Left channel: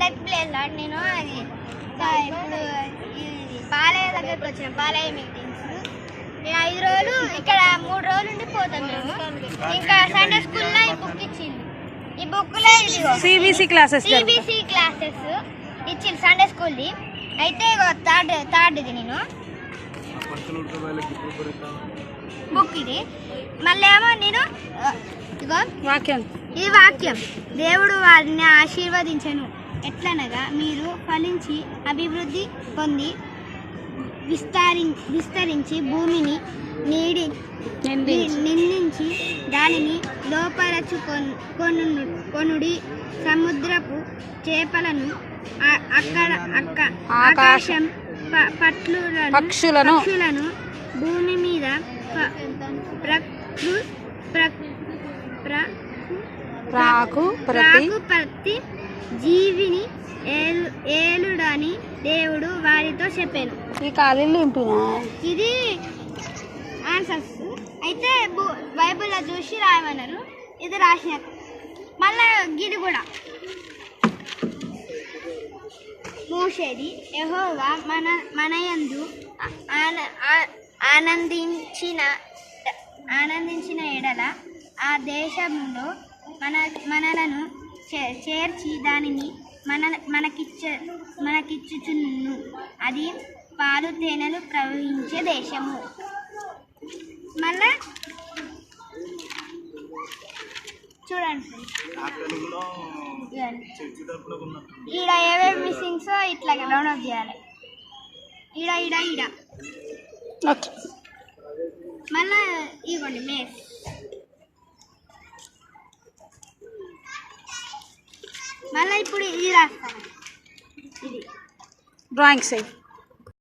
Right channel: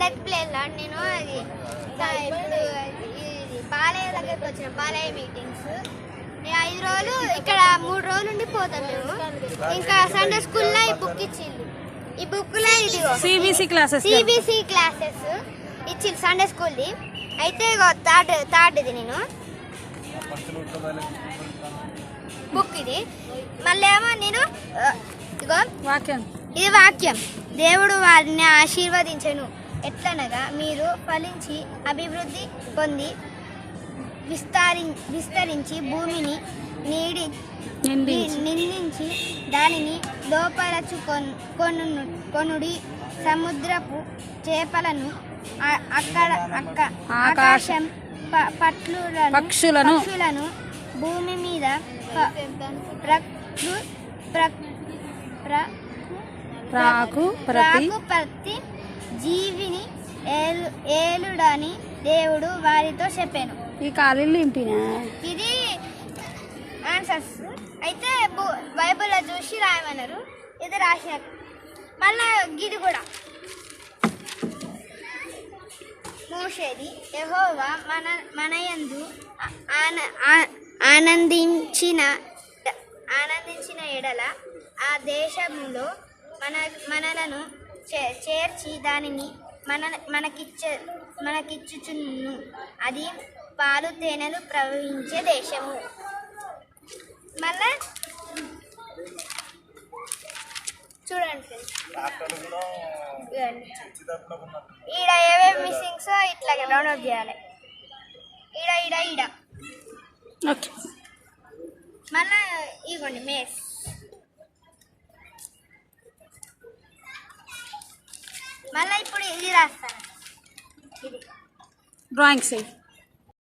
పండగ ప్లేస్లో నేను అది ఇప్పుడు బాలయ్య దగ్గరికి వచ్చిన బాలయ్య మీటింగ్స్ ఈ ఐదు రోజులు ఇక్కడ మూడు రోజులు ఉండి పోతాం మేము ఇంకా సండే స్కూల్లో ఈ బుక్ ఇచ్చింది ఈ బుక్లో ఇది సిబిసి క్లాసెస్ సిబిసి క్లాసెస్ ఇచ్చి సండే స్కూల్ది అయితే థర్డ్ థర్డ్ ఇది నేను. బుక్ ఇది. మళ్ళీ ఏమో నేను వాక్యం. ఇది వాక్యం. దేవుడు వారిని ఆశీర్వదించను. ఎట్లనగా మీరు ఫలించి అభివృద్ధి పొంది విస్తరి విస్తరించి భూమిని నీడి నిందించి దానిని లోపరచుకొను కొను కొనుడి సముద్రపు చేపలను అక్కడ అక్క ఆకాశం ప- పట్లులను పక్షులను పక్షులను భూమి మీద ప్రకృ ప్ర- ప్ర- రాకు ప్రతి రాకు ప్రతి జీవిని ఏలు ఏలుడని దేవుడు వారితో చెప్పాను. ఈ నింపినా ఇది ఆన్సర్స్. అయితే బైబిల్లో చూసి రాయమన్నారు. ఇది రాసిన మళ్ళా గిది కూడా. మూసేది యెహోవా మన మనయందు ఆన- ఆ- ఆనందించిన ఆనందించిన ఎడల ఆ దేశంలో మన మనలను చేర్చి దానిని మన మనకిచ్చ మనకిచ్చుచున్ను. అది పాలు తేనెలు ప్రవహించే దేశము. మళ్ళా చూడండి. ఈడ ఏమేమి మిస్సింగ్స్ ఇట్లా డౌన్లోడ్ చేయాలి. ఈడ ఈడ ఈడ. ఓకే మళ్ళా ఇవ్వండి మేస్ మళ్ళీ ఇప్పుడు ఇది రాస్తాను. ఇది. Drawing side